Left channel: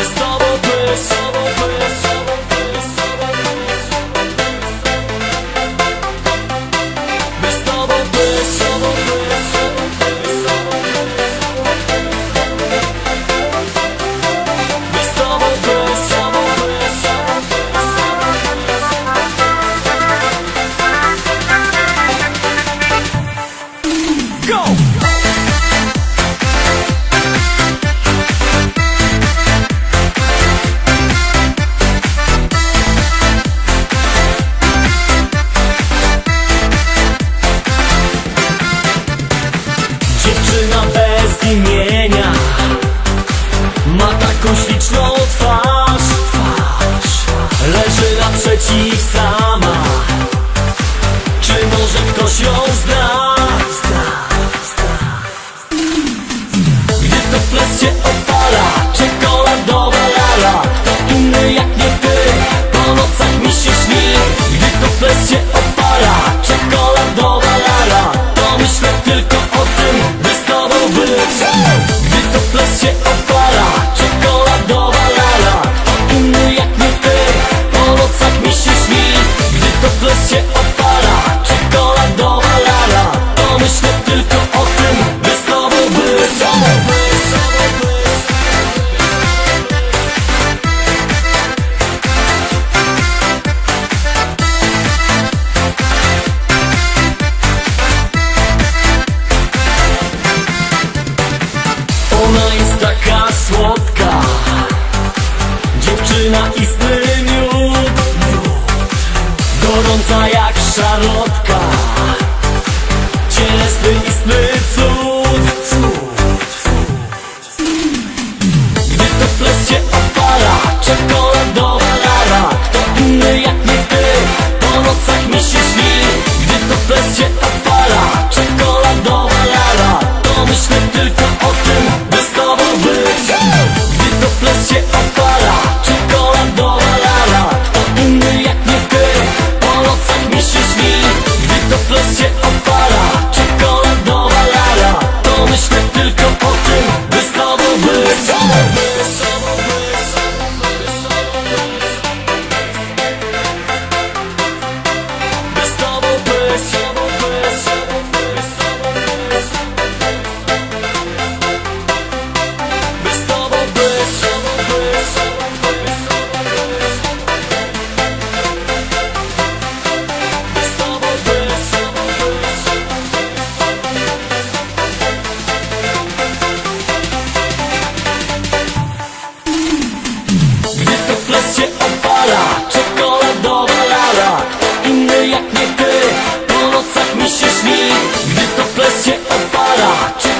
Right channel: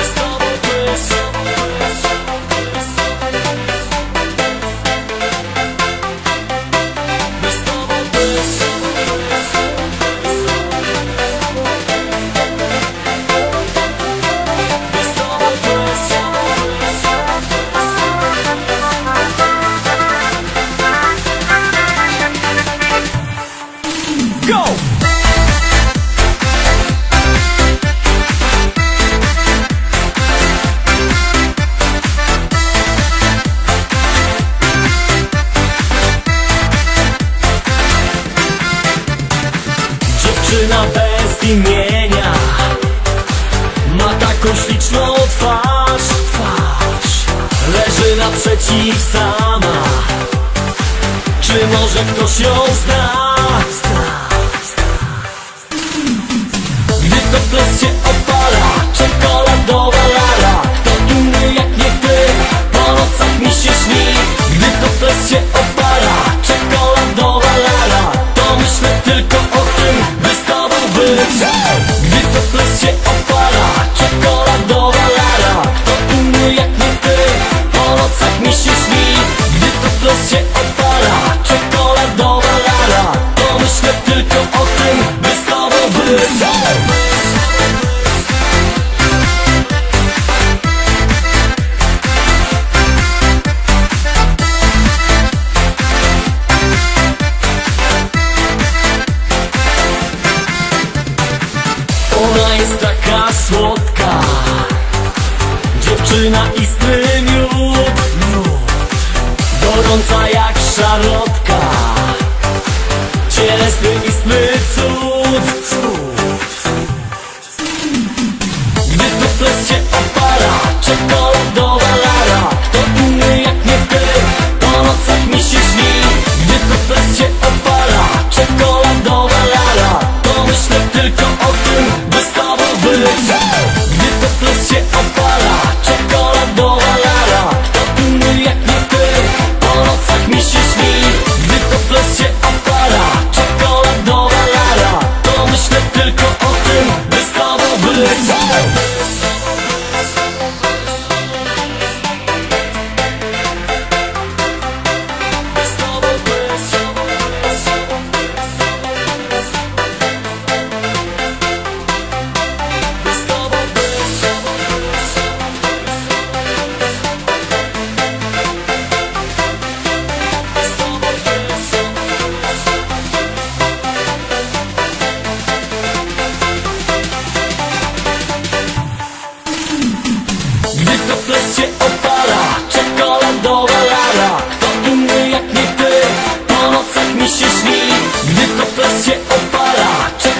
Double bass, double Dziewczyna bez imienia. Ma taką śliczną twarz. Twarz Leży naprzeciw sama. Czy może ktoś ją zna? Gdy to ples się opala Czekoladowa słodka. Dziewczyna istny miód. Gorąca jak szarlotka. Cielesny istny cud Gdy to ples się opala Czekoladowa lara. Kto inny jak nie ty Po nocach mi się śni. Gdy to ples się opala Gdy to ples się ples się Czekoladowa lala Kto inny jak nie ty. Po nocach mi się śni Gdy to ples się opala. Czekoladowa